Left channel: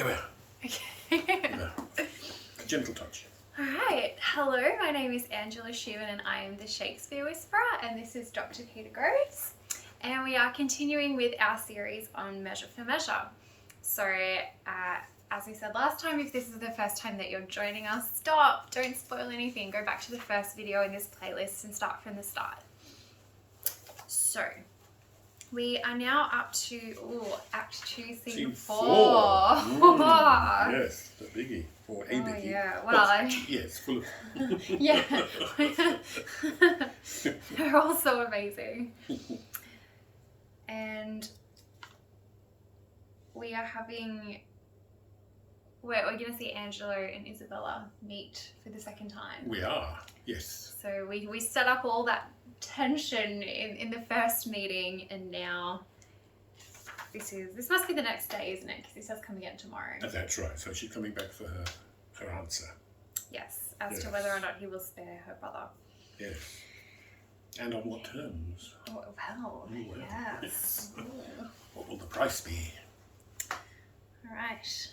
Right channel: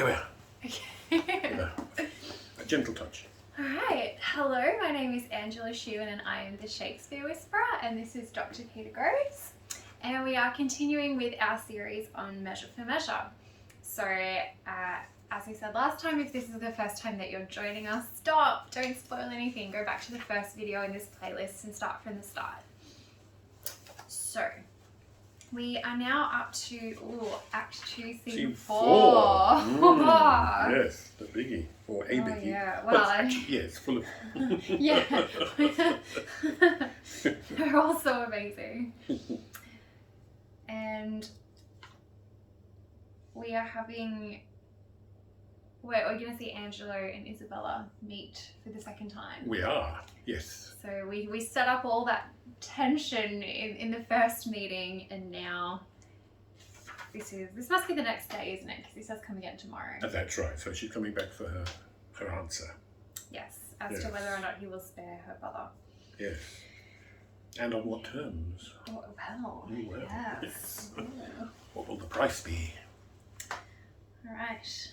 Here we are. Okay. A gentle touch. Alright, hello, my name is Angela Shewan and I am the Shakespeare Whisperer, and this is Dr. Peter Groves, and we are continuing with our series on Measure for Measure. So, as we said last time, if this is the first time that you're joining us, stop, don't spoil anything, go back to the first video in this playlist and start from the start. So, we are now up to Act 2, Scene 4. Yes, the biggie, or a biggie. Yeah, well, yes, full of. yeah, they're all so amazing. And we are having, we're going to see Angelo and Isabella meet for the second time. We are, yes. So we set up all that tension in the first meeting, and now this must be the next day, isn't it? Because he says come again tomorrow. That's right. So she's coming back for her answer. Yes, as to whether or not he will spare her brother. Yes. And on what terms? Oh, well, yes. What will the price be? All right.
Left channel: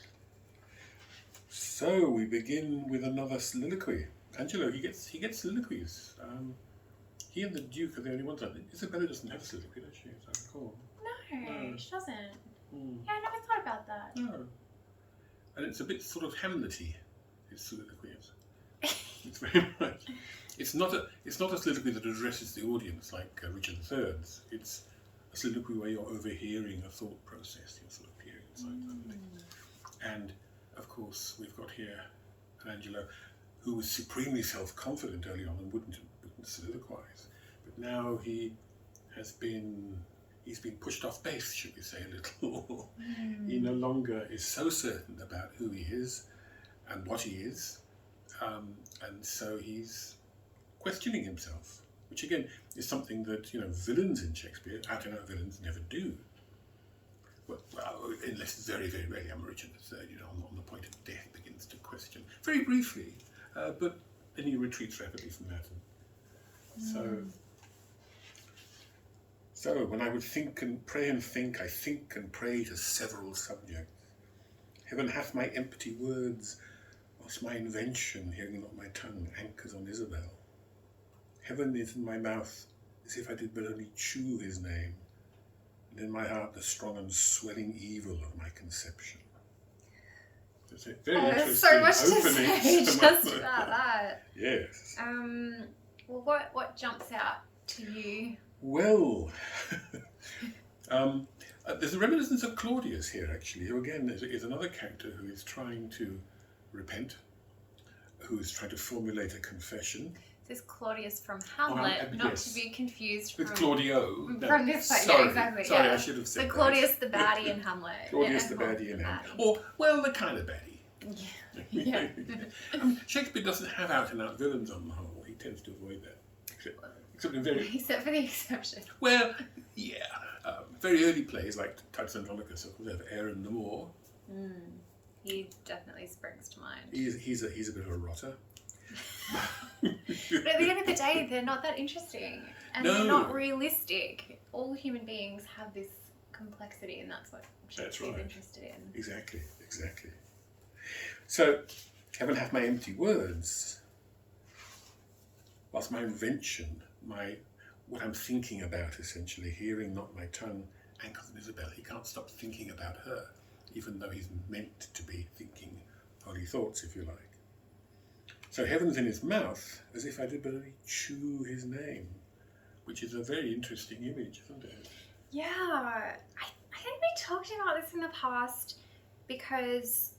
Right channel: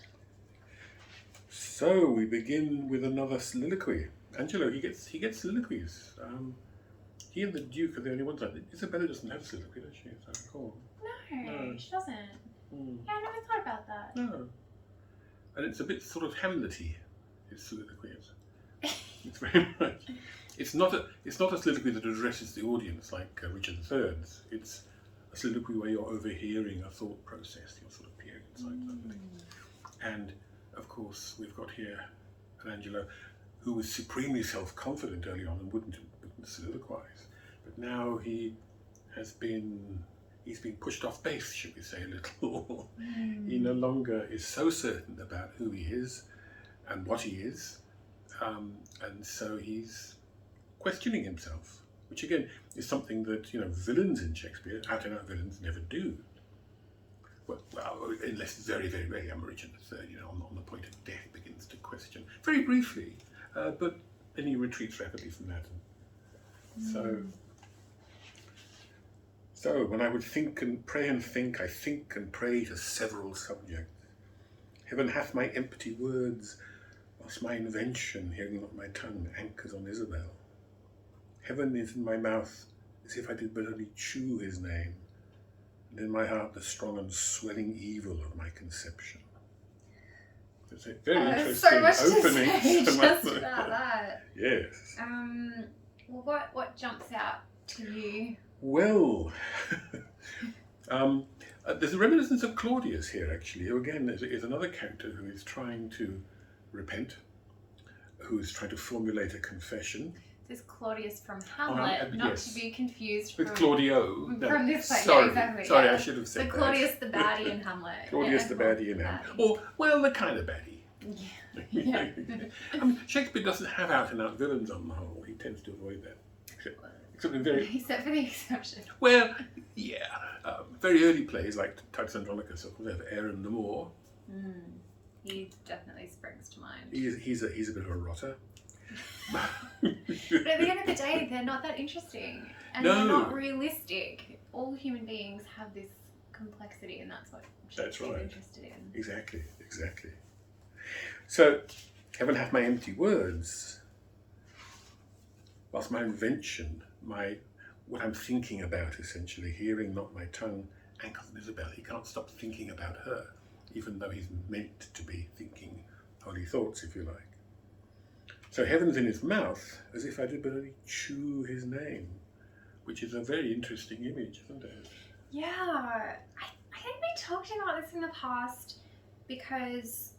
So we begin with another soliloquy. Angelo, he gets soliloquies. He and the Duke are the only ones. Isabella doesn't have a soliloquy, does she? As I recall. No, she doesn't. Yeah, I never thought about that. No. And it's a bit sort of Hamlet-y, his soliloquy is. It's very much. It's not a soliloquy that addresses the audience like Richard III's. It's a soliloquy where you're overhearing a thought process. You're sort of peering inside somebody. And of course, we've got here an Angelo who was supremely self-confident early on and wouldn't soliloquize. But now he's been pushed off base, should we say, a little. He no longer is so certain about who he is and what he is. And so he's questioning himself, which again is something that, villains in Shakespeare, out-and-out villains, never do. Well, unless it's very, very rarely Richard III, on the point of death, begins to question very briefly, but then he retreats rapidly from that. And so when I would think and pray and think, I think and pray to several subjects. Heaven hath my empty words, whilst my invention, hearing not my tongue, anchors on Isabel. Heaven is in my mouth, as if I did but only chew his name, and in my heart the strong and swelling evil of my conception. It's a very interesting so much opening. To say just about that. Yes. Well, what jumps out to you? Well, there's a reminiscence of Claudius here, actually, who again is another character who is trying to repent, who is trying to formulate a confession. This is Claudius from Hamlet, not to be confused with Claudio. From this place, sorry, yeah, exactly. Sorry, yeah. I should have said the Claudius the baddie in Hamlet. Claudius the baddie in Hamlet. Or, well, the kind of baddie. Yeah. Shakespeare doesn't have out-and-out villains on the whole. He tends to avoid that. Except for the exception. Well, yeah. Very early plays like Titus Andronicus, of course, have Aaron the Moor. He definitely springs to mind. He's a bit of a rotter. But at the end of the day, they're not that interesting, and they're not realistic. All human beings have this complexity, and that's what Shakespeare is interested in. Exactly. So, heaven hath my empty words, whilst my invention, what I'm thinking about, essentially, hearing not my tongue, anchors on Isabel. He can't stop thinking about her, even though he's meant to be thinking holy thoughts, if you like. So heaven's in his mouth, as if I did but only chew his name, which is a very interesting image, isn't it? Yeah, I think we talked about this in the past, because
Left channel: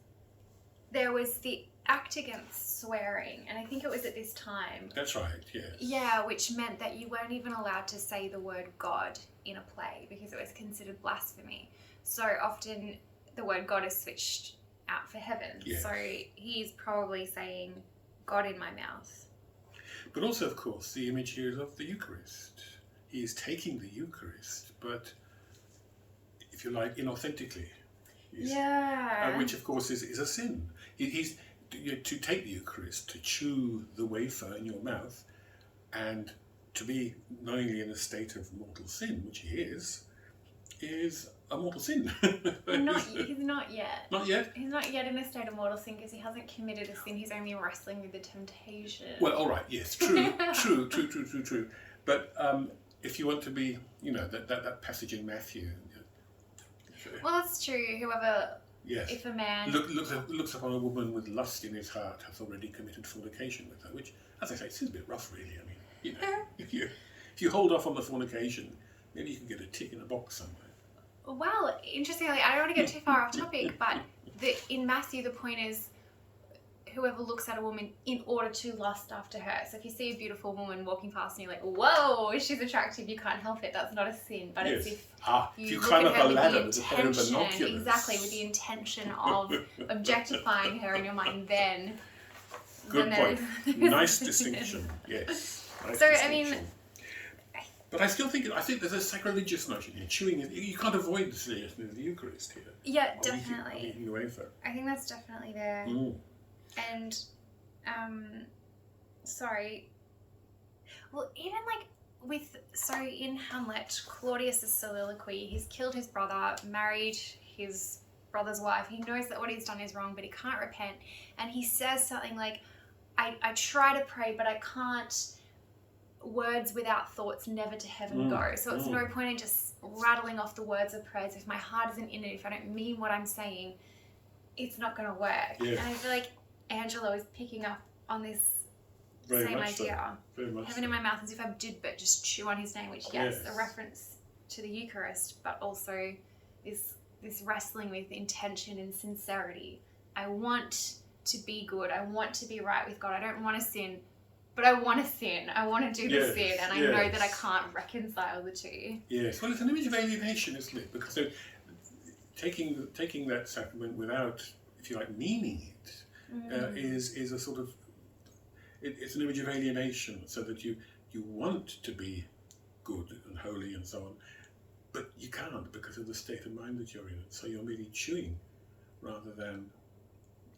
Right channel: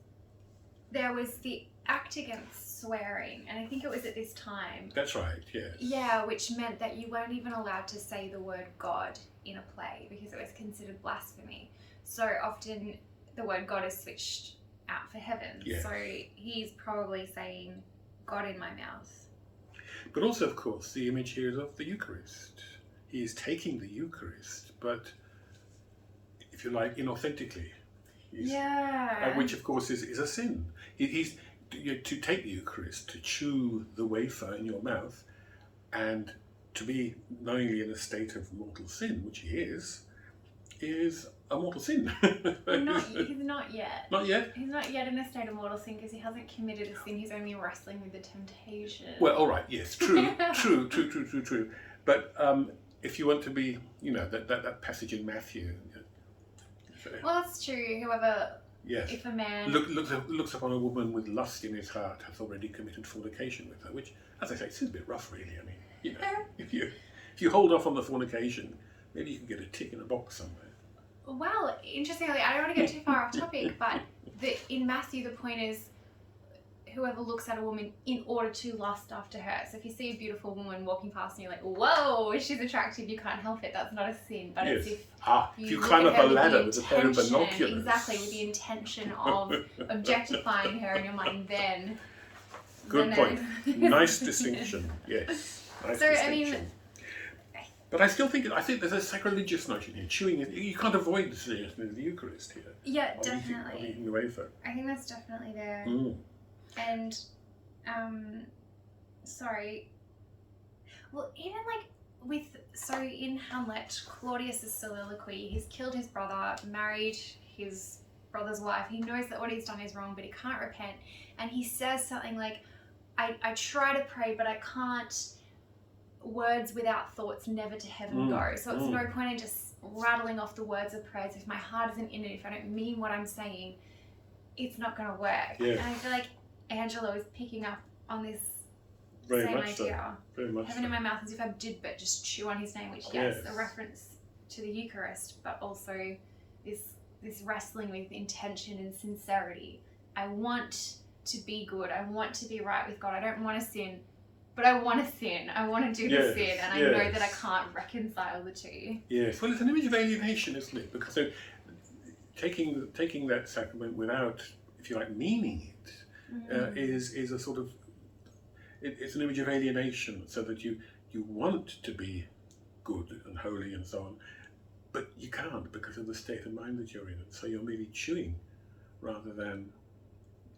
there was the act against swearing, and I think it was at this time. That's right, yes. Yeah, which meant that you weren't even allowed to say the word God in a play, because it was considered blasphemy. So often the word God is switched out for heaven. Yes. So he's probably saying God in my mouth. But also, of course, the image here is of the Eucharist. He is taking the Eucharist, but, if you like, inauthentically. Which, of course, is a sin. To take the Eucharist, to chew the wafer in your mouth, and to be knowingly in a state of mortal sin, which he is, is a mortal sin. He's not yet. Not yet? He's not yet in a state of mortal sin because he hasn't committed a sin. He's only wrestling with the temptation. Well, all right, yes, true. But if you want to be, that passage in Matthew. Well, that's true. Whoever, yes. If a man looks upon a woman with lust in his heart has already committed fornication with her, which, as I say, seems a bit rough, really. I mean, if you hold off on the fornication, maybe you can get a tick in a box somewhere. Well, interestingly, I don't want to get too far off topic, but in Matthew, the point is whoever looks at a woman in order to lust after her. So if you see a beautiful woman walking past and you're like, whoa, she's attractive, you can't help it. That's not a sin. But yes. it's if you climb up a ladder with a pair of binoculars. Exactly, with the intention of objectifying her in your mind, then. Good point. Nice distinction. Yes. Nice so, distinction. I mean. But I think there's a sacrilegious notion here. Chewing, you can't avoid the seriousness of the Eucharist here. Yeah, definitely. Of eating the wafer. I think that's definitely there. And, well, even in Hamlet, Claudius's soliloquy, he's killed his brother, married his brother's wife. He knows that what he's done is wrong, but he can't repent. And he says something like, I try to pray, but I can't. Words without thoughts never to heaven go. So it's no point in just rattling off the words of prayers. If my heart isn't in it, if I don't mean what I'm saying, it's not going to work. Yeah. And I feel like Angelo is picking up on this same idea. So. Very much heaven in my mouth, as if I did but just chew on his name, which yes, a reference to the Eucharist, but also this wrestling with intention and sincerity. I want to be good. I want to be right with God. I don't want to sin. But I want to sin. I want to do the sin, and I know that I can't reconcile the two. Yes, well, it's an image of alienation, isn't it? Because taking that sacrament without, if you like, meaning it, is a sort of it's an image of alienation. So that you want to be good and holy and so on, but you can't because of the state of mind that you're in. So you're merely chewing rather than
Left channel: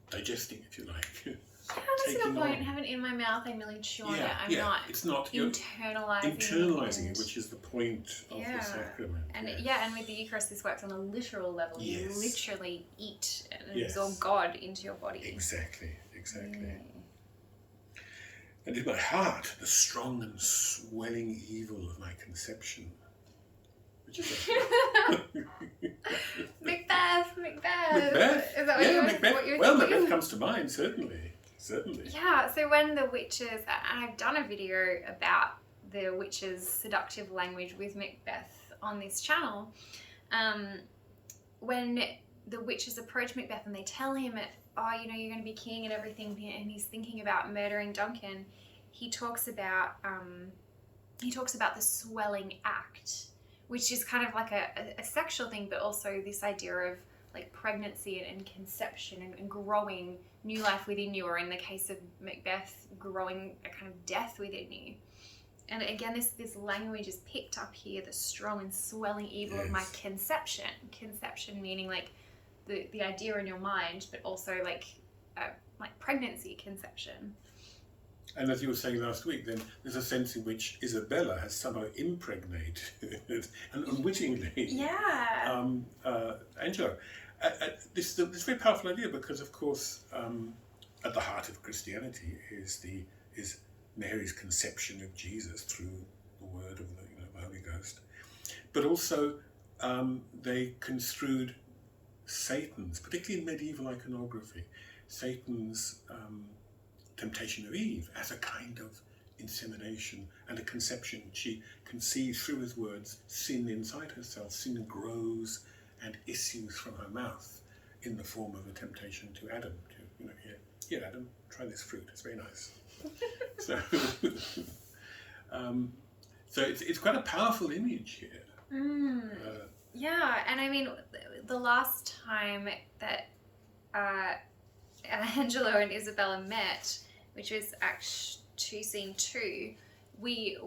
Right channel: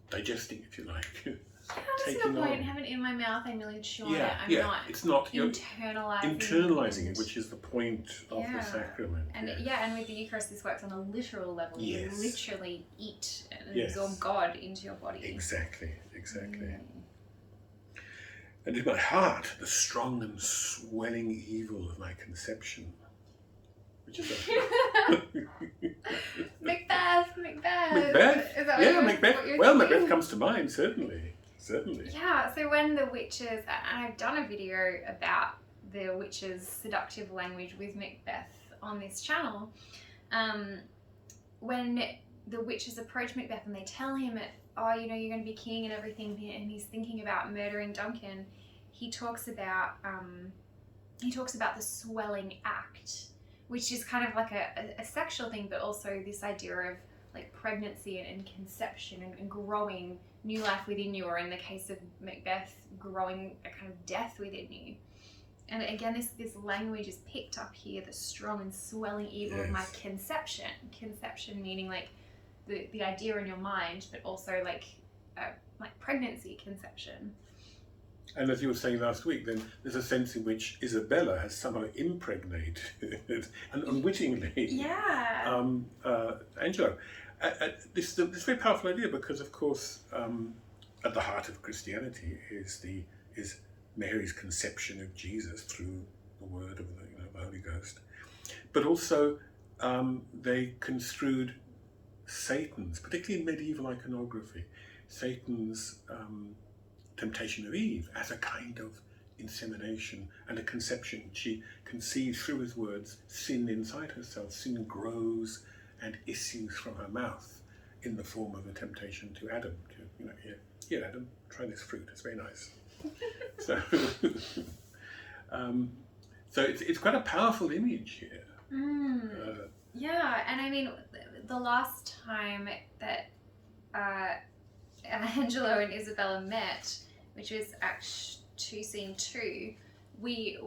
digesting, if you like. How does the point having it in my mouth, I merely chew on it? I'm not. It's not internalizing it, which is the point of the sacrament. And and with the Eucharist, this works on a literal level. Yes. You literally eat and absorb God into your body. Exactly. And in my heart, the strong and swelling evil of my conception. Which is Macbeth. Macbeth? Is that Macbeth. Well, Macbeth comes to mind, certainly. Yeah, so when the witches, and I've done a video about the witches' seductive language with Macbeth on this channel, when the witches approach Macbeth and they tell him, you're going to be king and everything, and he's thinking about murdering Duncan, he talks about the swelling act, which is kind of like a sexual thing, but also this idea of like pregnancy and conception and growing new life within you, or in the case of Macbeth, growing a kind of death within you. And again, this language is picked up here, the strong and swelling evil of my conception. Conception meaning like the idea in your mind, but also like pregnancy conception. And as you were saying last week, then there's a sense in which Isabella has somehow impregnated and unwittingly Angelo. This is a very powerful idea because, of course, at the heart of Christianity is Mary's conception of Jesus through the word of the Holy Ghost, but also they construed Satan's, particularly in medieval iconography, Satan's temptation of Eve as a kind of insemination and a conception. She conceives through his words sin inside herself. Sin grows and issues from her mouth in the form of a temptation to Adam. Here, Adam, try this fruit. It's very nice. So it's quite a powerful image here. And I mean, the last time that Angelo and Isabella met, which was Act 2, Scene 2, we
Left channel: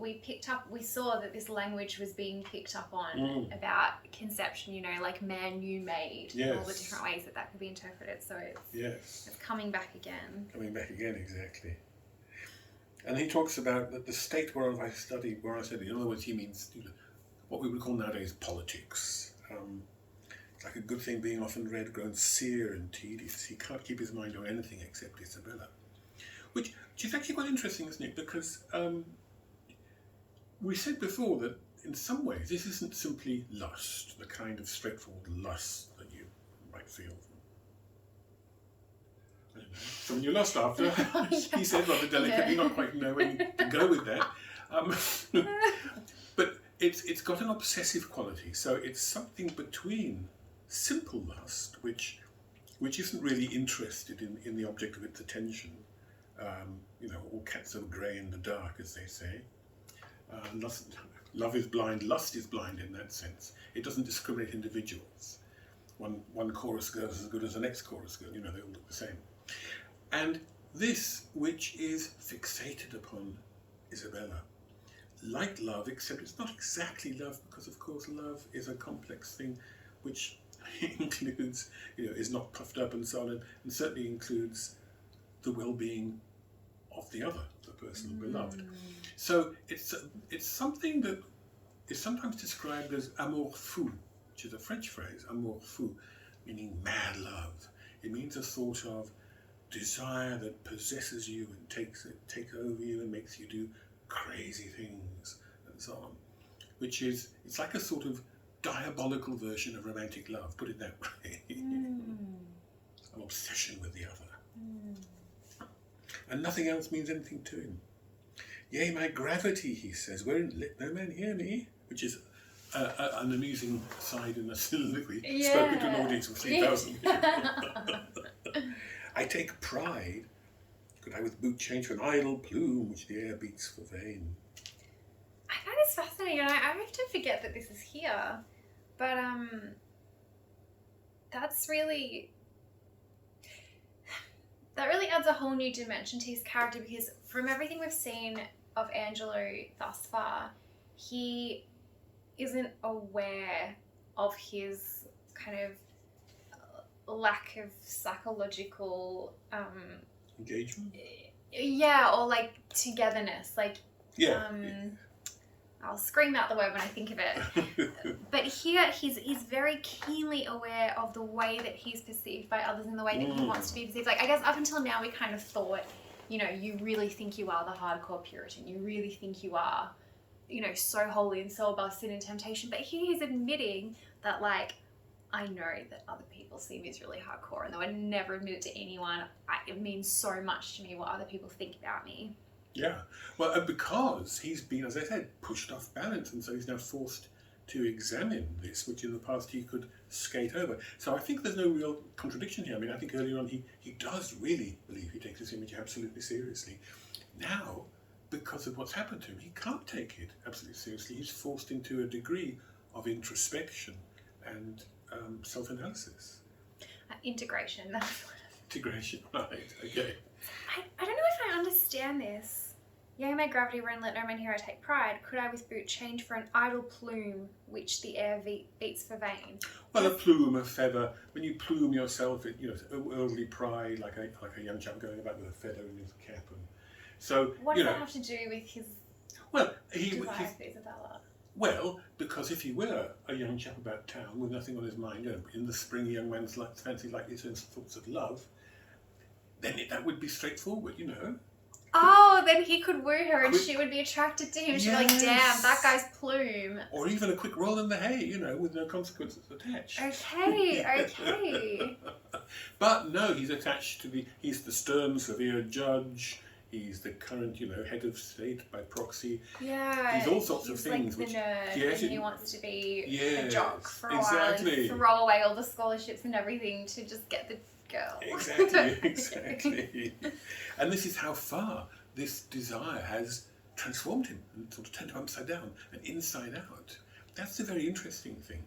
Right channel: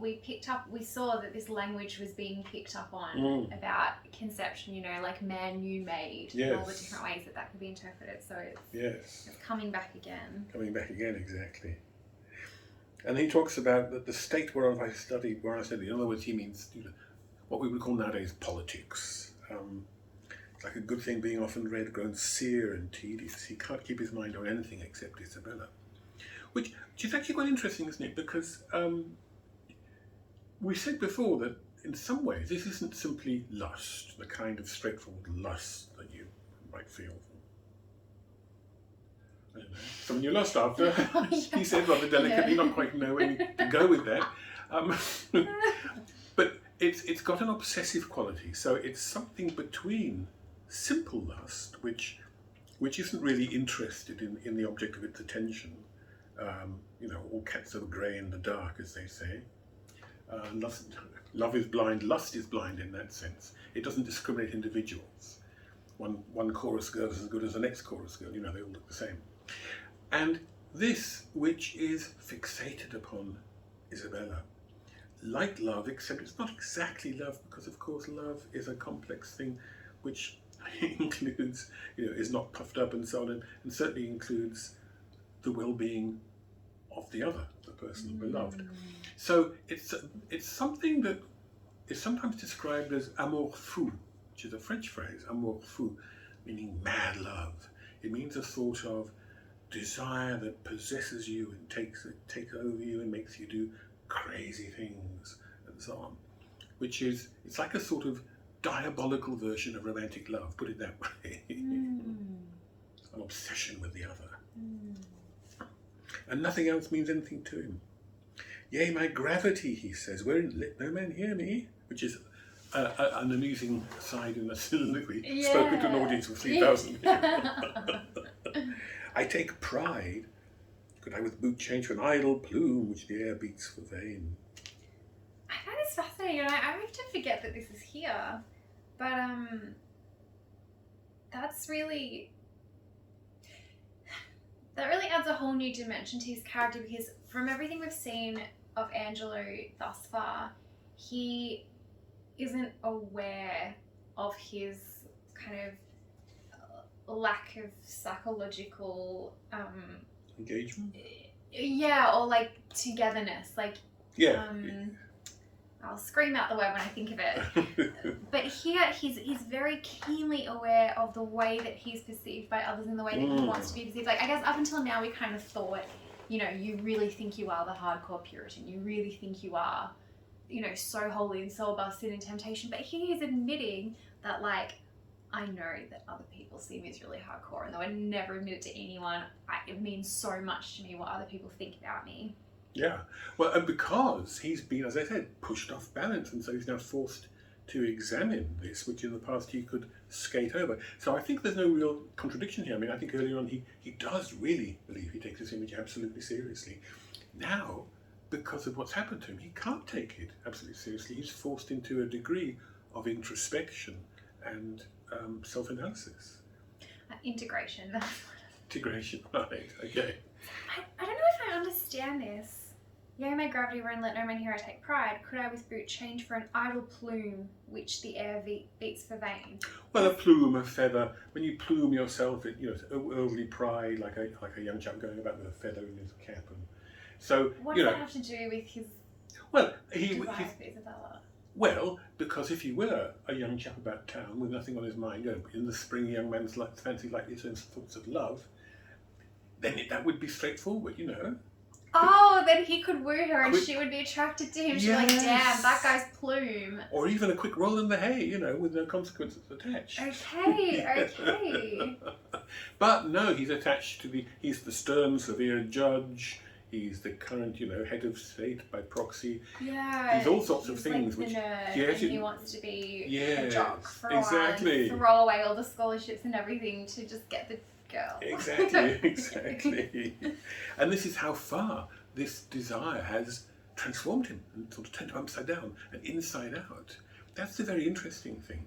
saw that this language was being picked up on about conception, like man you made, and all the different ways that could be interpreted. So it's coming back again. Exactly. And he talks about that the state whereof I study, in other words, he means what we would call nowadays politics. It's like a good thing being often read grown sere and tedious. He can't keep his mind on anything except Isabella. Which is actually quite interesting, isn't it? Because we said before that in some ways this isn't simply lust, the kind of straightforward lust that you might feel from, I don't know, someone you lost after. Oh, yeah. He said rather delicately, not quite know when to go with that. But it's got an obsessive quality, so it's something between simple lust, which isn't really interested in the object of its attention. All cats are grey in the dark, as they say. Love is blind, lust is blind in that sense. It doesn't discriminate individuals. One chorus girl is as good as the next chorus girl, they all look the same. And this, which is fixated upon Isabella, like love, except it's not exactly love, because of course love is a complex thing which includes, is not puffed up and so on, and certainly includes the well-being of the other, the person beloved. So it's something that is sometimes described as amour fou, which is a French phrase, amour fou, meaning mad love. It means a sort of desire that possesses you and takes over you and makes you do crazy things and so on, it's like a sort of diabolical version of romantic love, put it that way. An obsession with the other. And nothing else means anything to him. Yea, my gravity, he says, wherein let no man hear me, which is an amusing side in a soliloquy, spoken to an audience of 3,000 people. I take pride, could I with boot change for an idle plume which the air beats for vain. I find this fascinating, and I often forget that this is here, but that really adds a whole new dimension to his character, because from everything we've seen of Angelo thus far, he isn't aware of his kind of lack of psychological Engagement? Or like togetherness, like I'll scream out the word when I think of it. But here he's very keenly aware of the way that he's perceived by others and the way that he wants to be perceived. Like, I guess up until now we kind of thought, you really think you are the hardcore Puritan, you really think you are, so holy and so above sin and temptation. But here he's admitting that, like, I know that other people see me as really hardcore, and though I never admit it to anyone, it means so much to me what other people think about me. Yeah, well, and because he's been, as I said, pushed off balance, and so he's now forced to examine this, which in the past he could skate over. So I think there's no real contradiction here. I mean, I think earlier on he does really believe he takes this image absolutely seriously. Now, because of what's happened to him, he can't take it absolutely seriously. He's forced into a degree of introspection and self-analysis. Integration. Integration, right, okay. I don't know if I understand this. Yea, my gravity wherein let no man hear I take pride, could I with boot change for an idle plume which the air beats for vain? Well, a plume, a feather. When you plume yourself, worldly pride, like a young chap going about with a feather in his cap. And so, what does that have to do with his desire for Isabella? Well, because if he were a young chap about town with nothing on his mind, in the spring a young man's fancy likely turns thoughts of love, then that would be straightforward, Oh, then he could woo her and she would be attracted to him. She'd be like, damn, that guy's plume. Or even a quick roll in the hay, with no consequences attached. Okay. But no, he's attached to he's the stern, severe judge. He's the current, head of state by proxy. Yeah. He's all sorts of things. Like the nerd, and he wants to be a jock for a while and throw away all the scholarships and everything to just get the girl. Exactly. And this is how far this desire has transformed him and sort of turned him upside down and inside out. That's the very interesting thing.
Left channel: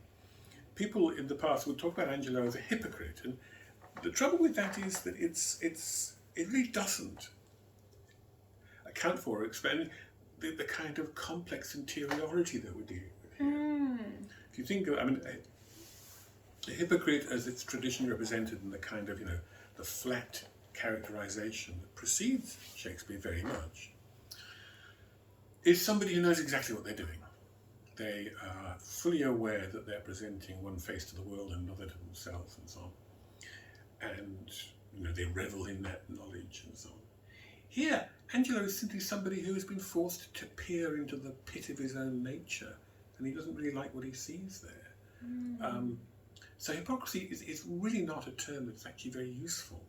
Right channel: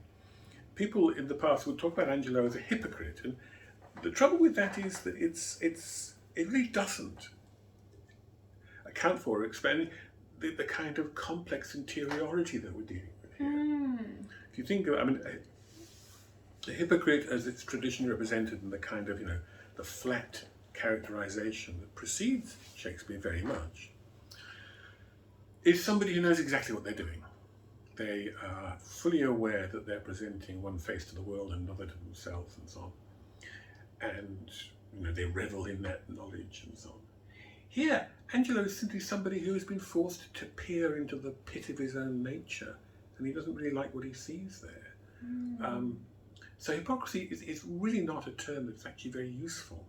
People in the past would talk about Angelo as a hypocrite, and the trouble with that is that it really doesn't account for or explain the kind of complex interiority that we're dealing with here. If you think of, the hypocrite as it's traditionally represented in the kind of, the flat characterization that precedes Shakespeare very much, is somebody who knows exactly what they're doing. They are fully aware that they're presenting one face to the world and another to themselves and so on. And they revel in that knowledge and so on. Here, Angelo is simply somebody who has been forced to peer into the pit of his own nature, and he doesn't really like what he sees there. So hypocrisy is really not a term that's actually very useful.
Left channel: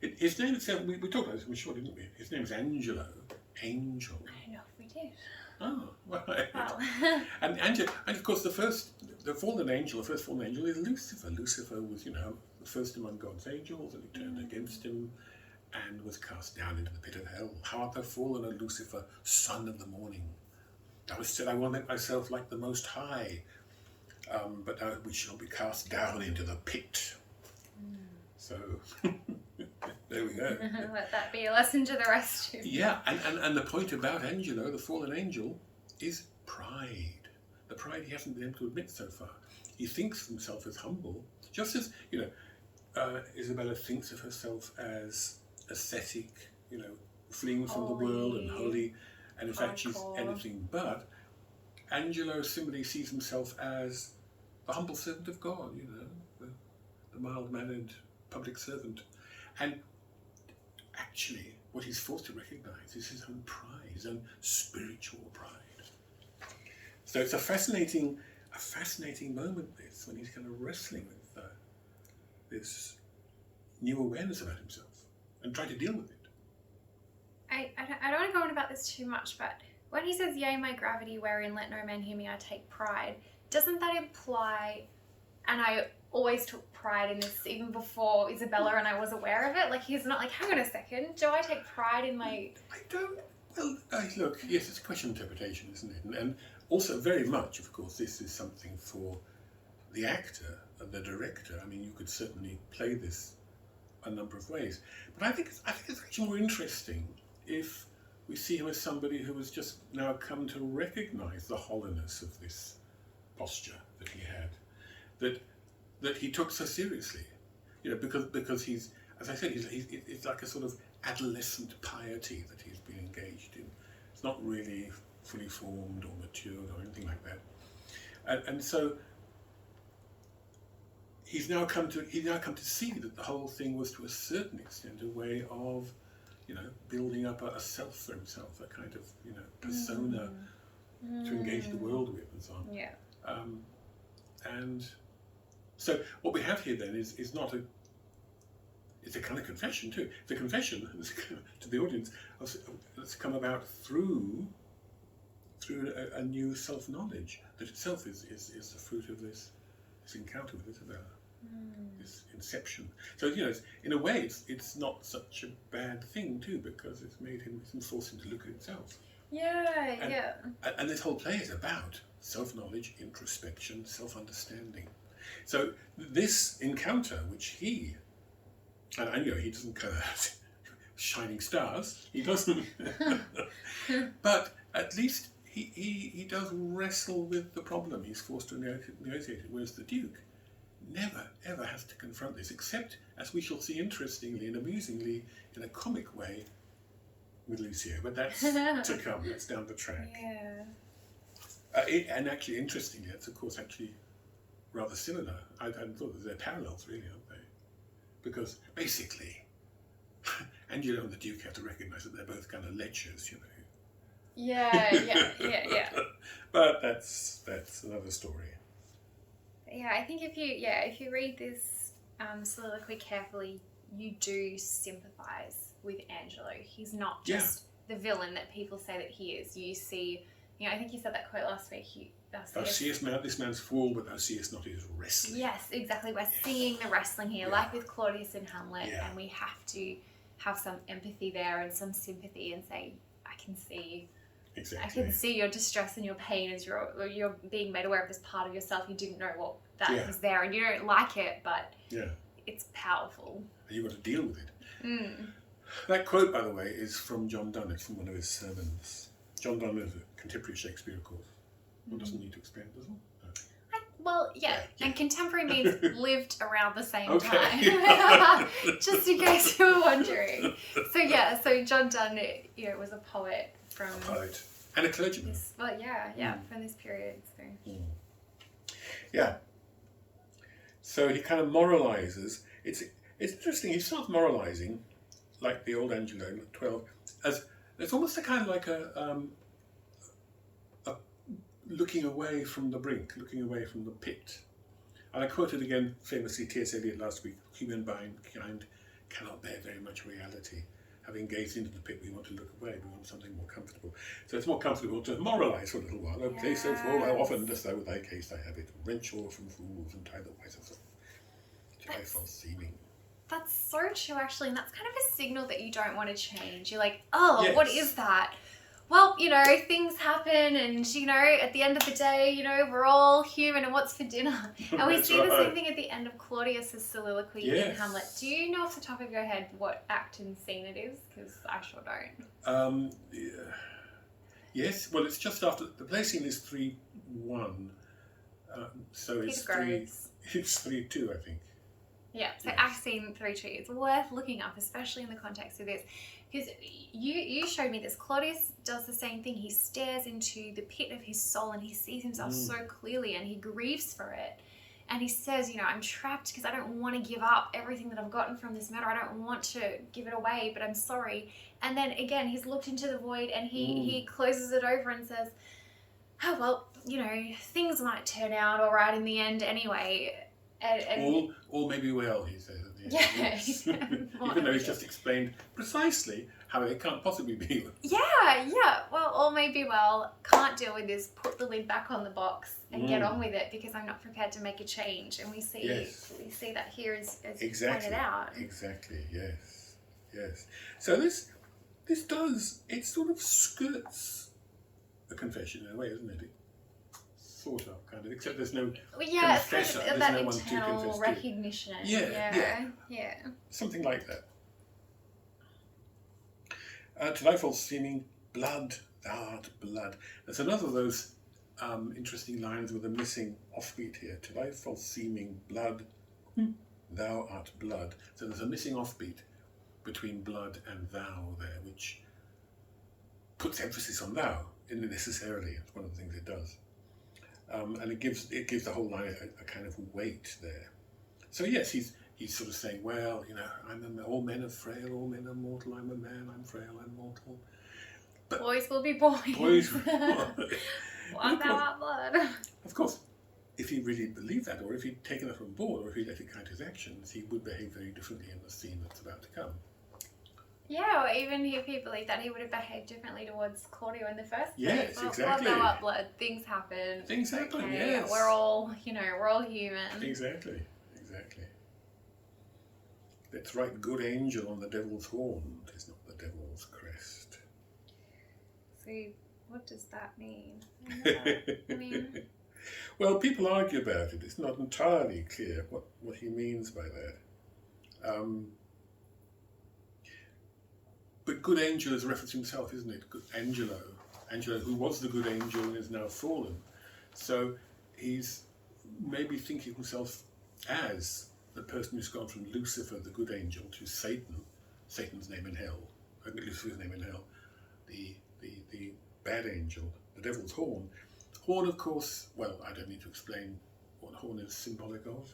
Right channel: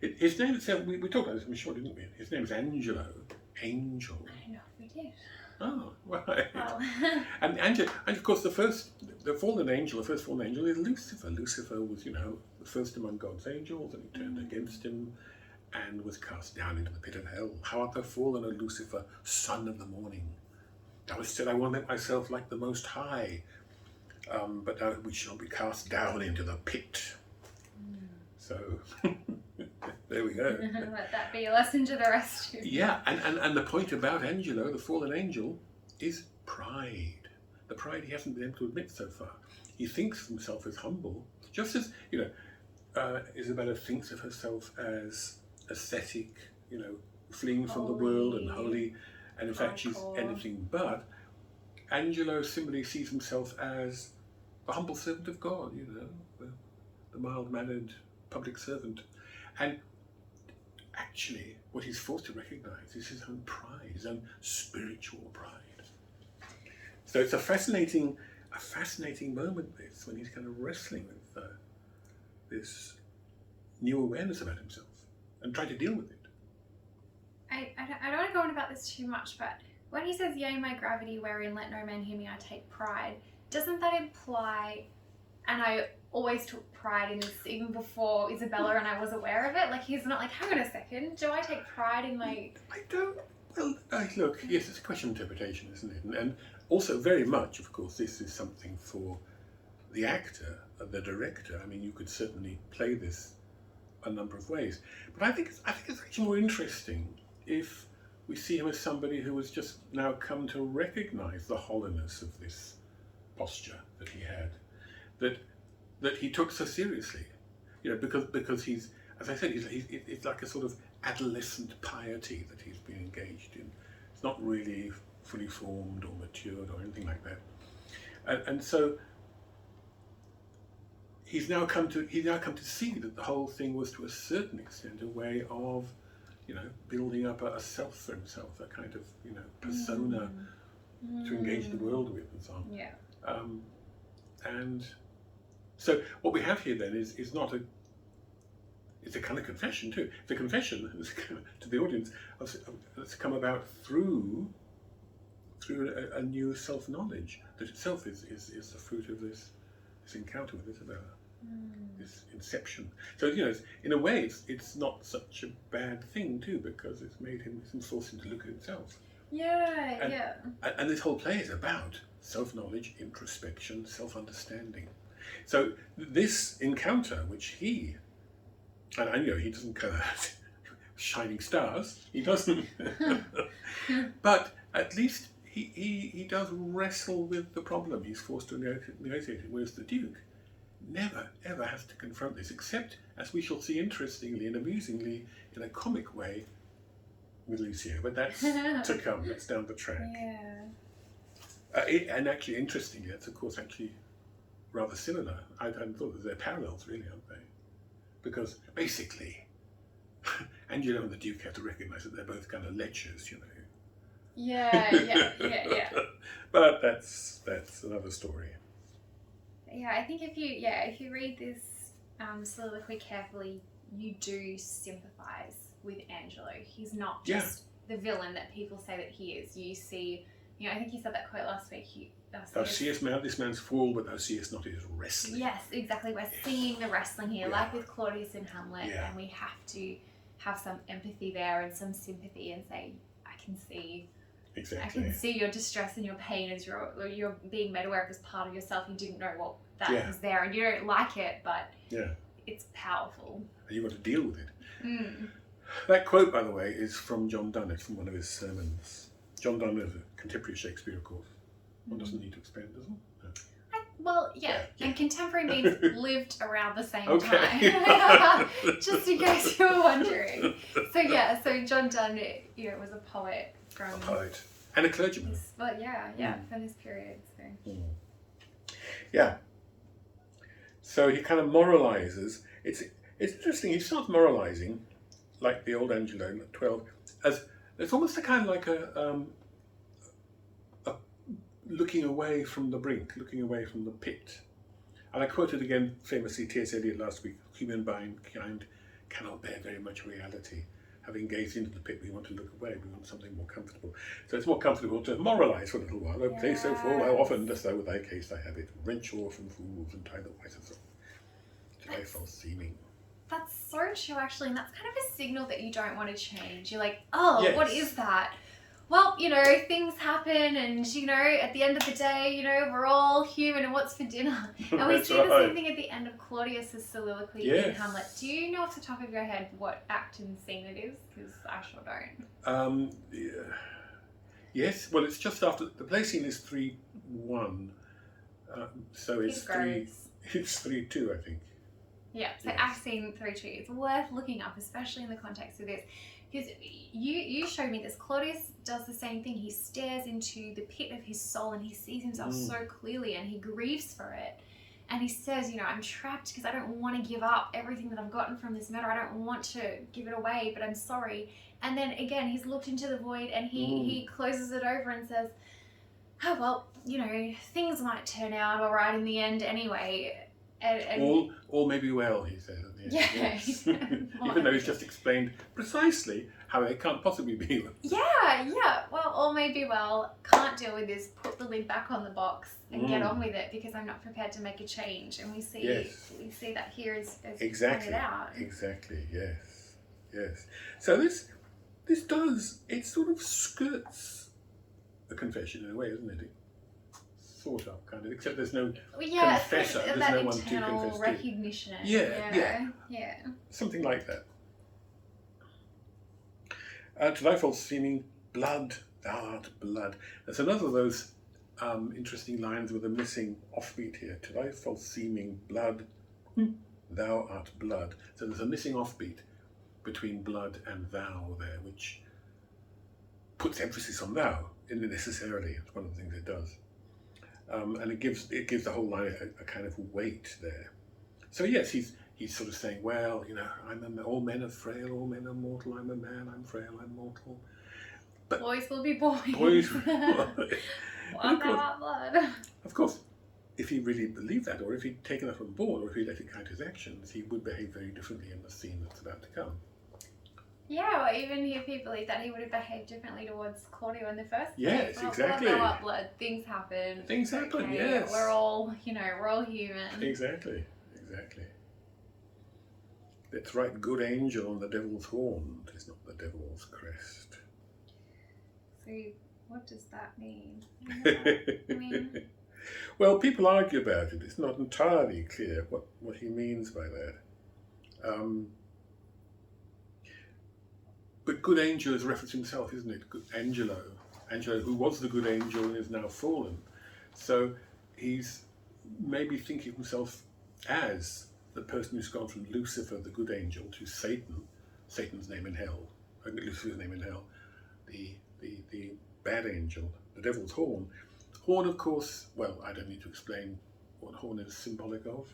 His name itself, we talked about this, I'm sure, didn't we? His name is Angelo. Angel. I don't know if we did. Oh, right. Wow. and of course, the first fallen angel is Lucifer. Lucifer was, the first among God's angels, and he turned against him and was cast down into the pit of hell. How art thou fallen, O Lucifer, son of the morning? Thou hast said, I will make myself like the Most High, but now we shall be cast down into the pit. So, there we go. Let that be a lesson to the rest of you. Yeah, and the point about Angelo, the fallen angel, is pride. The pride he hasn't been able to admit so far. He thinks of himself as humble, just as, Isabella thinks of herself as ascetic, fleeing from the world and holy, and in fact she's anything but. Angelo simply sees himself as the humble servant of God, the mild-mannered public servant. And actually, what he's forced to recognise is his own pride, his own spiritual pride. So it's a fascinating moment, this, when he's kind of wrestling with this new awareness about himself and trying to deal with it. I don't want to go on about this too much, but when he says, yea, my gravity, wherein let no man hear me, I take pride, doesn't that imply, and I always took pride in this even before Isabella and I was aware of it, like he's not like, hang on a second, do I take pride in my... I don't, look, yes, it's a question of interpretation, isn't it? And also very much, of course, this is something for the actor, the director. I mean, you could certainly play this a number of ways. But I think it's actually more interesting if we see him as somebody who has just now come to recognise the hollowness of this posture that he had, that he took so seriously, because he's, as I said, it's like a sort of adolescent piety that he's been engaged in. It's not really fully formed or matured or anything like that, and so he's now come to see that the whole thing was, to a certain extent, a way of, building up a self for himself, a kind of, persona to engage the world with and so on. Yeah. And so what we have here then is not it's a kind of confession too. The confession to the audience that's come about through a new self-knowledge that itself is the fruit of this encounter with Isabella. This inception. So in a way, it's not such a bad thing too, because it's forced him to look at himself. Yeah. And this whole play is about self-knowledge, introspection, self-understanding. So this encounter, which he doesn't kind of shining stars, he doesn't, but at least he does wrestle with the problem he's forced to negotiate it, whereas the Duke never ever has to confront this, except, as we shall see interestingly and amusingly, in a comic way with Lucio, but that's to come, that's down the track. Yeah. And actually, interestingly, it's of course actually rather similar. I thought that they're parallels, really, aren't they? Because basically, Angelo and the Duke have to recognise that they're both kind of lechers, Yeah. But that's another story. Yeah, I think if you read this soliloquy carefully, you do sympathise with Angelo. He's not just the villain that people say that he is. You see, I think you said that quote last week. Thou seest this man's fall, but thou seest not his wrestling. Yes, exactly. We're seeing the wrestling here, like with Claudius and Hamlet, and we have to have some empathy there and some sympathy and say, I can see. Exactly. I can see your distress and your pain as you're being made aware of this part of yourself. You didn't know what that was there, and you don't like it, but it's powerful. And you've got to deal with it. That quote, by the way, is from John Donne. It's from one of his sermons. John Donne is a contemporary of Shakespeare, of course. One doesn't need to explain, does one? No. And contemporary means lived around the same time. Just in case you were wondering. So John Donne, was a poet from... A poet. And a clergyman. From this period. So. Yeah. So he kind of moralizes. It's interesting. He starts moralizing, like the old Angelo at 12, as it's almost a kind of like a looking away from the brink, looking away from the pit. And I quoted again famously T.S. Eliot last week: "Humankind cannot bear very much reality. Having gazed into the pit, we want to look away. We want something more comfortable. So it's more comfortable to moralise for a little while. O place so full, how often dost thou with thy case thy habit, wrench orphan fools and tie the whitest of to thy false seeming." That's so true, actually, and that's kind of a signal that you don't want to change. You're like, oh, What is that? Well, things happen, and, at the end of the day, we're all human, and what's for dinner? And we see the same thing at the end of Claudius's soliloquy in Hamlet. Do you know off the top of your head what act and scene it is? Because I sure don't. Yes, well, it's just after, the play scene is 3-1, so it's 3-2, I think. Yeah, so act scene 3-2. It's worth looking up, especially in the context of this. Because you showed me this. Claudius does the same thing. He stares into the pit of his soul and he sees himself so clearly and he grieves for it. And he says, I'm trapped because I don't want to give up everything that I've gotten from this matter. I don't want to give it away, but I'm sorry. And then again, he's looked into the void and he closes it over and says, oh, well, things might turn out all right in the end anyway. And all may be well, he says at the end. Yes. Even though he's just explained precisely how it can't possibly be. Yeah. Well, all may be well. Can't deal with this. Put the lid back on the box and get on with it because I'm not prepared to make a change. And we see that here as pointed out. Exactly. Yes. So this it sort of skirts a confession in a way, isn't it? Sort of, kind of, except there's no confessor. There's no that one to internal confess recognition. to. Yeah. Something like that. To thy false seeming, blood, thou art blood. There's another of those interesting lines with a missing offbeat here. To thy false seeming, blood, thou art blood. So there's a missing offbeat between blood and thou there, which puts emphasis on thou necessarily. It's one of the things it does. And it gives the whole line a kind of weight there. So yes, he's sort of saying, well, all men are frail, all men are mortal. I'm a man, I'm frail, I'm mortal. But boys will be boys. What about blood? Of course, if he really believed that, or if he'd taken that on board, or if he let it guide his actions, he would behave very differently in the scene that's about to come. Yeah, or even if he believed that, he would have behaved differently towards Claudio in the first place. Yes, exactly. Blood, things happen. Things happen, okay. yes. We're all human. Exactly. Let's write good angel on the devil's horn. It's not the devil's crest. So, what does that mean? I mean... Well, people argue about it. It's not entirely clear what he means by that. But good angel is a reference to himself, isn't it? Good Angelo, who was the good angel and is now fallen. So he's maybe thinking of himself as the person who's gone from Lucifer, the good angel, to Satan's name in hell, Lucifer's name in hell, the bad angel, the devil's horn. Horn, of course, well, I don't need to explain what horn is symbolic of.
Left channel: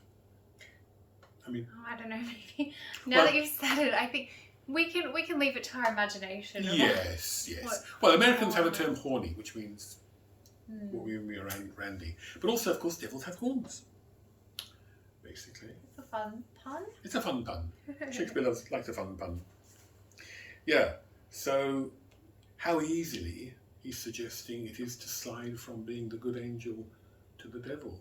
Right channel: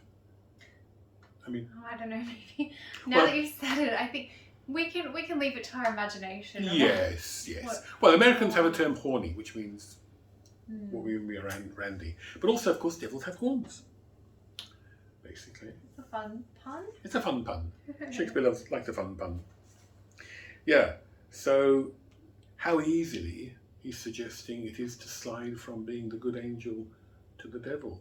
I mean... I don't know, maybe. Now that you've said it, I think... We can leave it to our imagination. Yes. Well, Americans have a term horny, which means what we mean around randy. But also, of course, devils have horns. Basically. It's a fun pun. It's a fun pun. Shakespeare likes a fun pun. Yeah. So, how easily he's suggesting it is to slide from being the good angel to the devil.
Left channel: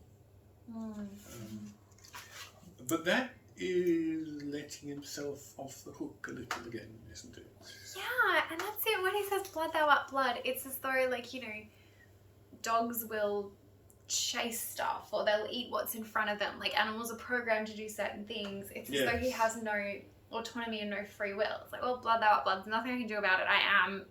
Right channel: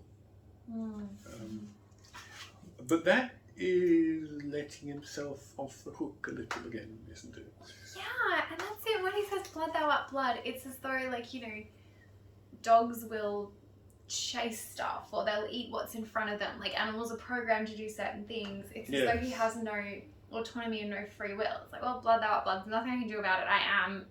But that is letting himself off the hook a little again, isn't it? Yeah, and that's it. When he says blood, thou art blood, it's as though, dogs will chase stuff or they'll eat what's in front of them. Like, animals are programmed to do certain things. It's as though he has no autonomy and no free will. It's like, well, blood, thou art blood. There's nothing I can do about it. I am,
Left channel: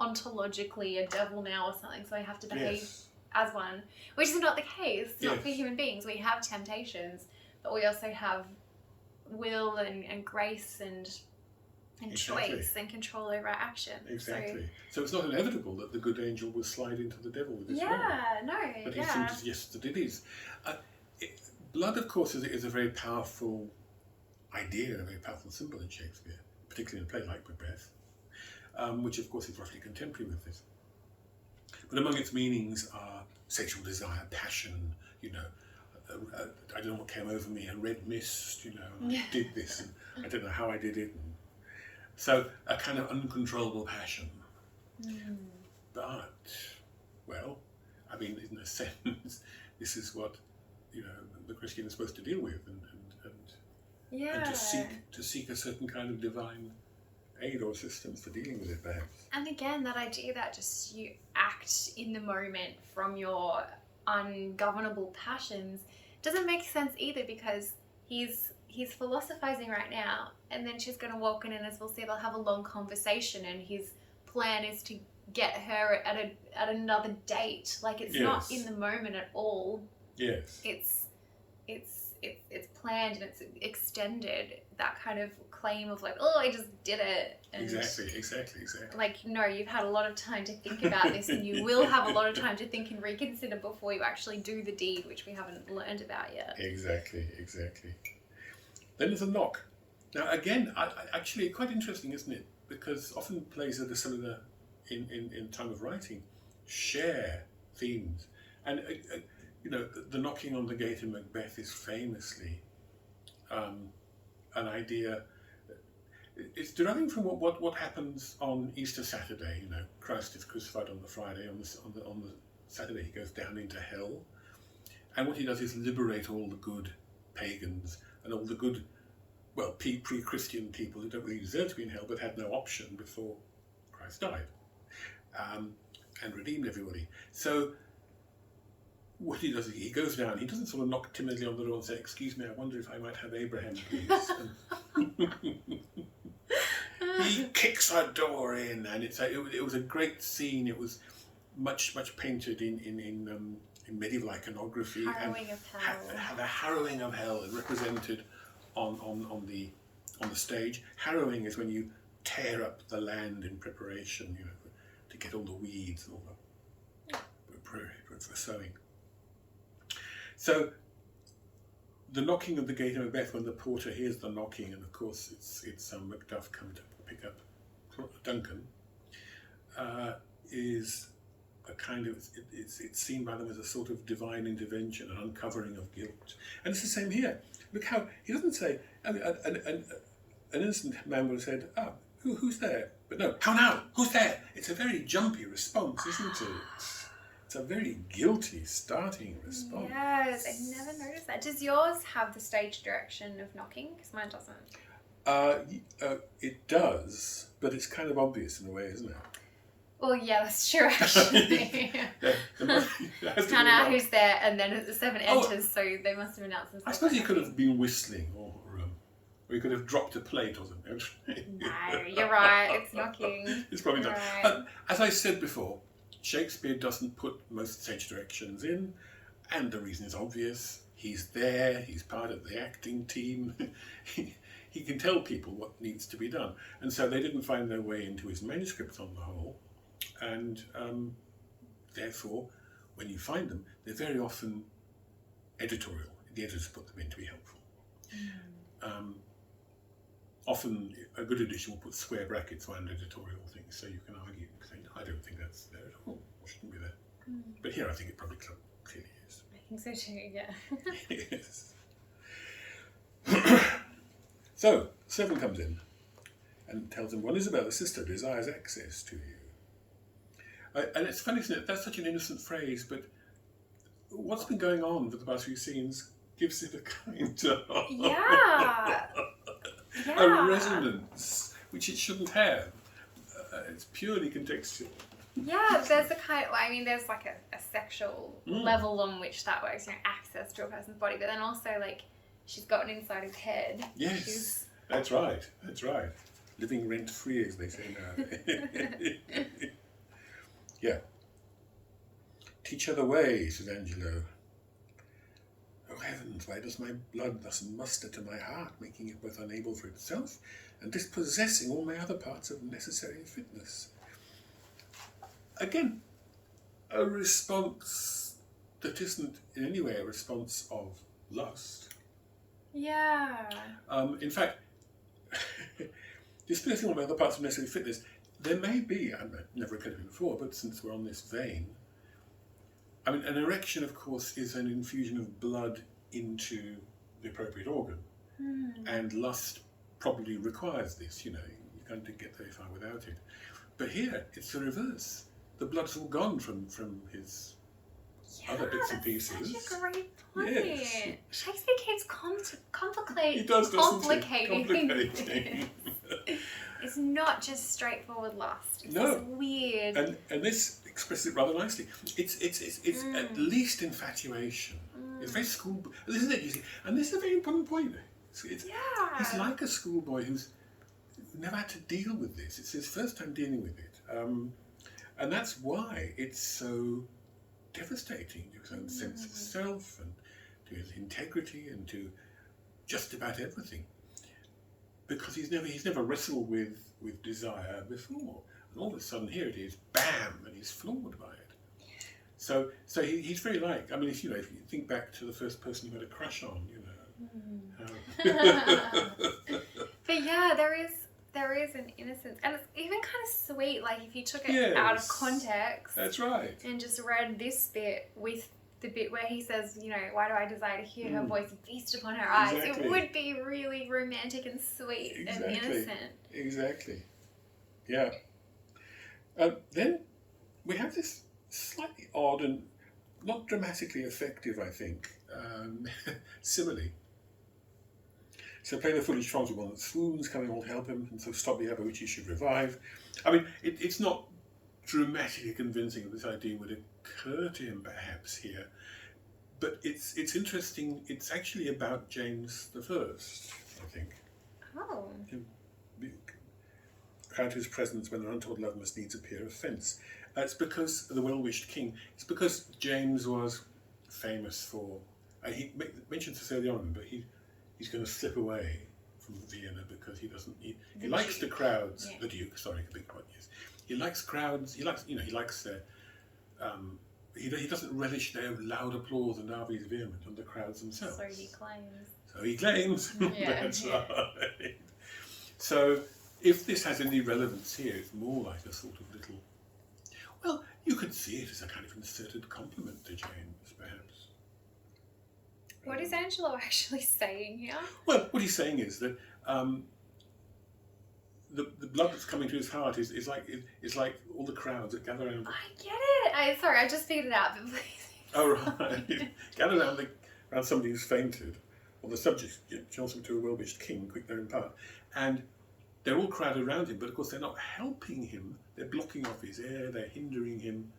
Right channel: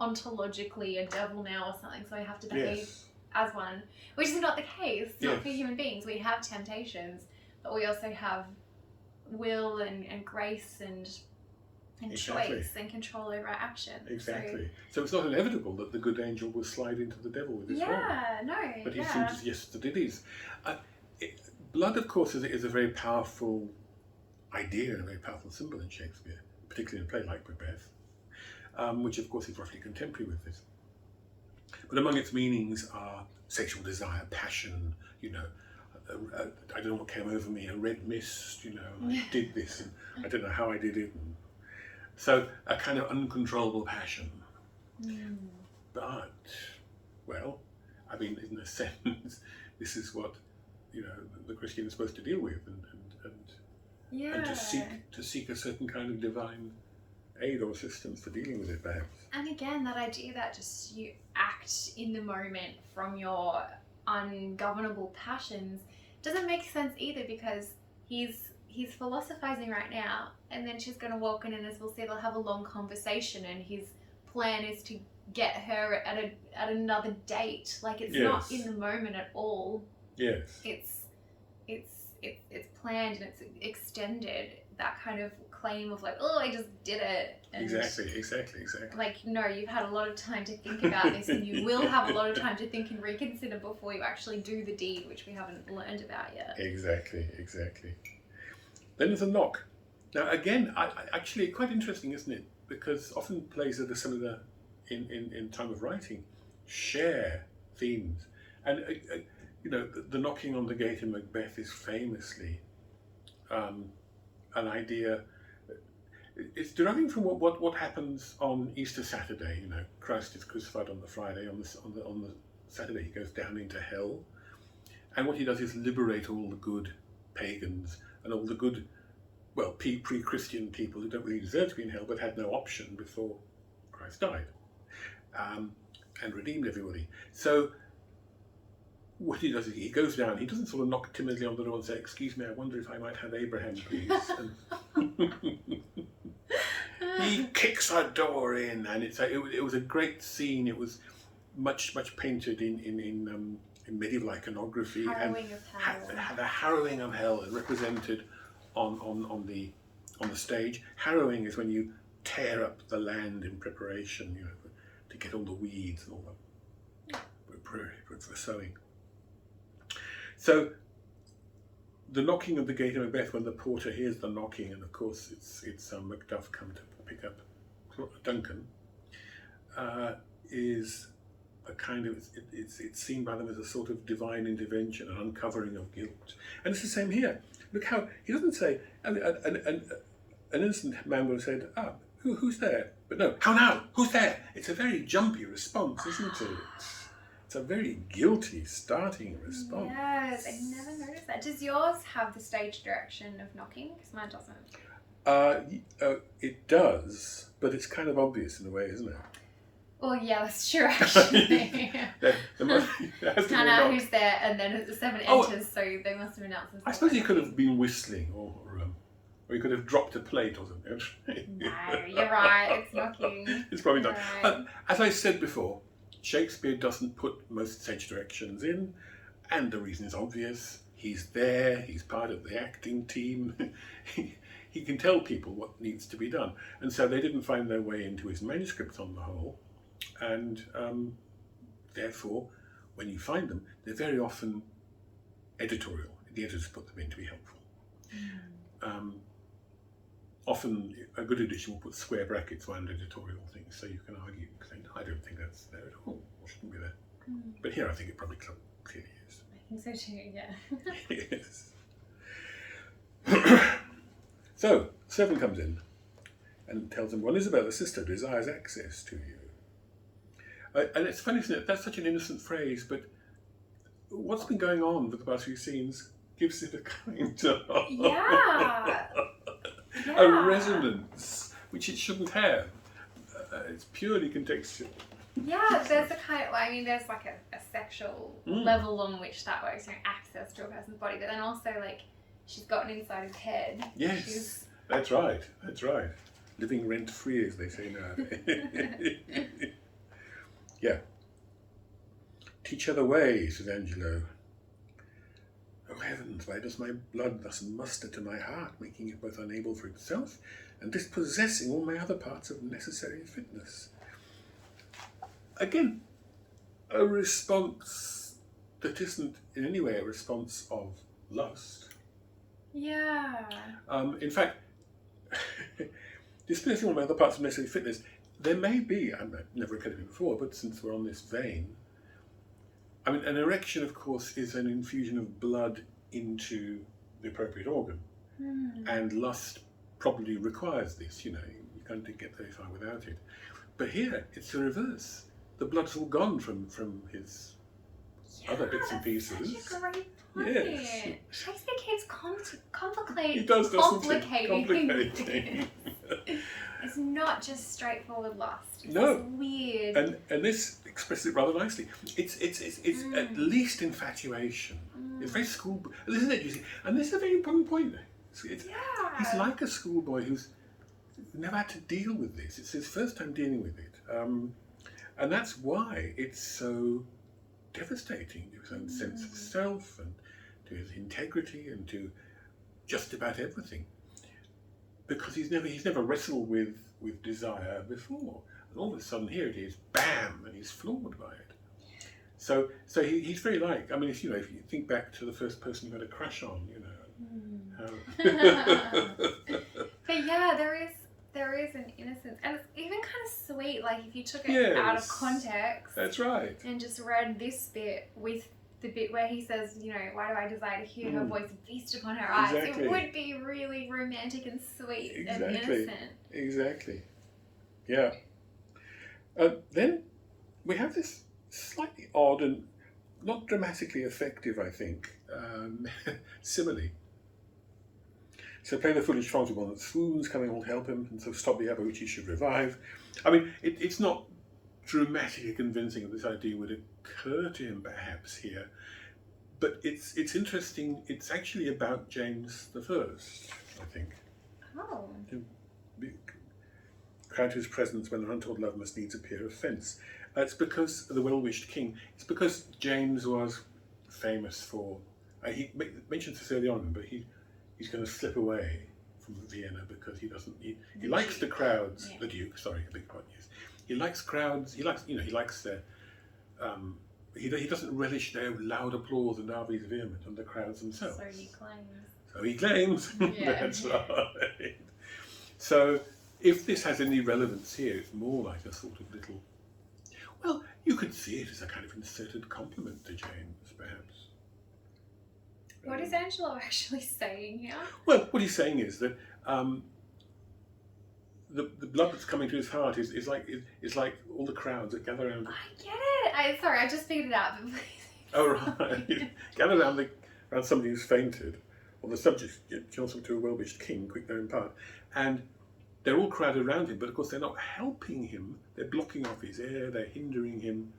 ontologically a devil now or something, so I have to behave as one. Which is not the case. It's not for human beings. We have temptations, but we also have will and grace and and Exactly. choice and control over our actions. Exactly. So it's not inevitable that the good angel will slide into the devil with his rod. Yeah, no, But he yeah. seems to suggest that it is. Blood, of course, is a very powerful idea and a very powerful symbol in Shakespeare, particularly in a play like Macbeth, which, of course, is roughly contemporary with this. But among its meanings are sexual desire, passion, you know, I don't know what came over me, a red mist, you know, and I did this, and I don't know how I did it. And so a kind of uncontrollable passion. But, well, I mean, in a sense, this is what, you know, the Christian is supposed to deal with, and to seek a certain kind of divine aid or assistance for dealing with it, perhaps. And again, that idea that just you act in the moment from your ungovernable passions doesn't make sense either, because he's philosophizing right now, and then she's going to walk in, and as we'll see, they'll have a long conversation, and his plan is to get her at another date. Like, it's not in the moment at all. Yes. It's planned and it's extended. That kind of claim of like, oh, I just did it. And Exactly. like, no, you've had a lot of time to think about this, and you will have a lot of time to think and reconsider before you actually do the deed, which we haven't learned about yet. Exactly. Then there's a knock. Now, again, actually quite interesting, isn't it? Because often plays that are similar in time of writing share themes. And, you know, the knocking on the gate in Macbeth is famously an idea. It's deriving from what happens on Easter Saturday. You know, Christ is crucified on the Friday. On the Saturday, he goes down into hell, and what he does is liberate all the good pagans and all the good, well, pre-Christian people who don't really deserve to be in hell, but had no option before Christ died, and redeemed everybody. So what he does is he goes down. He doesn't sort of knock timidly on the door and say, "Excuse me, I wonder if I might have Abraham, please." He kicks our door in, and it was a great scene. It was much painted in medieval iconography. Harrowing of hell. The harrowing of hell is represented on the stage. Harrowing is when you tear up the land in preparation, you know, to get all the weeds and all for sowing. So the knocking of the gate of Macbeth, when the porter hears the knocking, and of course it's Macduff come to pick up Duncan, is a kind of it's seen by them as a sort of divine intervention, an uncovering of guilt. And it's the same here. Look how he doesn't say an innocent man would have said, "Ah, who's there?" But no, how now? Who's there? It's a very jumpy response, isn't it? It's a very guilty starting response. Yes, I never noticed that. Does yours have the stage direction of knocking? Because mine doesn't. It does, but it's kind of obvious in a way, isn't it? Well, yeah, that's true, actually. Found out who's there, and then the 7 enters, so they must have announced themselves. I suppose he could have been whistling, or he could have dropped a plate or something. No, you're right, it's knocking. It's probably not. Right. As I said before, Shakespeare doesn't put most stage directions in, and the reason is obvious. He's there, he's part of the acting team. He can tell people what needs to be done. And so they didn't find their way into his manuscript on the whole. And therefore, when you find them, they're very often editorial. The editors put them in to be helpful. Often a good edition will put square brackets around editorial things, so you can argue, saying, I don't think that's there at all, or shouldn't be there. But here I think it probably clearly is. I think so too, yeah. Yes. So, the servant comes in and tells him, well, Isabel, sister, desires access to you. And it's funny, isn't it? That's such an innocent phrase, but what's been going on for the past few scenes gives it a kind of... Yeah. a resonance, which it shouldn't have. It's purely contextual. Yeah, there's a kind of, I mean, there's like a sexual level on which that works, you know, access to a person's body, but then also, like, she's gotten inside his head. Yes, that's right. Living rent-free, as they say now. Yeah. Teach her the way, says Angelo. Oh, Oh heavens, why does my blood thus muster to my heart, making it both unable for itself and dispossessing all my other parts of necessary fitness? Again, a response that isn't in any way a response of lust. Yeah. In fact, dispossessing all my other parts of necessary fitness, there may be, I've never occurred to me before, but since we're on this vein, I mean, an erection, of course, is an infusion of blood into the appropriate organ. And lust probably requires this, you can't get very far without it. But here, it's the reverse. The blood's all gone from his other bits and pieces. Such a great point. Yes. Shakespeare keeps complicating. He does, doesn't he? Complicating. It's not just straightforward lust. It's No. this weird. And this expresses it rather nicely. It's at least infatuation. It's very schoolboy, isn't it? You see? And this is a very important point. He's like a schoolboy who's never had to deal with this. It's his first time dealing with it. And that's why it's so devastating to his own sense of self and to his integrity and to just about everything. Because he's never wrestled with desire before. And all of a sudden here it is, bam, and he's floored by it. So he's very like, I mean, if you think back to the first person you had a crush on, But yeah, there is an innocence, and it's even kind of sweet. Like if you took it out of context, that's right, and just read this bit with the bit where he says, why do I desire to hear her voice feast upon her eyes? Exactly. It would be really romantic and sweet and innocent. Exactly. Yeah. Then we have this slightly odd and not dramatically effective, I think, simile. So play the foolish trance one that swoons, coming all help him, and so stop the other which he should revive. I mean, it's not dramatically convincing that this idea would occur to him perhaps here, but it's interesting. It's actually about James the First, I think. Oh. Crown to his presence when an untoward love must needs appear offence. It's because the well-wished king. It's because James was famous for. He mentions this early on, but he's going to slip away from Vienna because he doesn't. He likes the crowds. Yeah. The Duke, sorry, a big point. Yes, he likes crowds. He likes their. He doesn't relish their loud applause and Arby's vehement and the crowds themselves. So he claims. Yeah, That's right. So if this has any relevance here, it's more like a sort of little. Well, you could see it as a kind of inserted compliment to James, perhaps. What is Angelo actually saying here? Well, what he's saying is that the blood that's coming to his heart is like all the crowds that gather around. I get it. Sorry, I just figured it out. Oh right, gather around somebody who's fainted, or the subject Johnson to a well-wished king, quick there in part, and they're all crowded around him, but of course they're not helping him. They're blocking off his air. They're hindering him,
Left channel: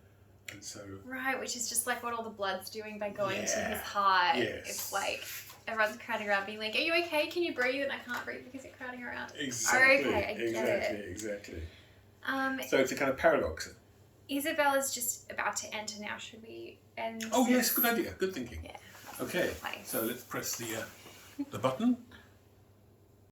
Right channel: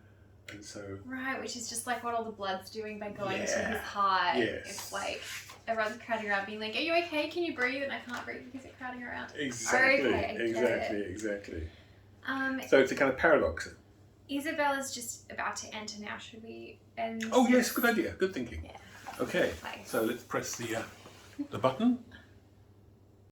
and so right, which is just like what all the blood's doing by going to his heart. Yes. It's like everyone's crowding around, being like, "Are you okay? Can you breathe?" And I can't breathe because you're crowding around. Exactly. Okay, I get it. Exactly. So it's a kind of paradox. Isabella's just about to enter now. Should we end? Oh yes, good idea. Good thinking. Yeah. Okay. So let's press the button.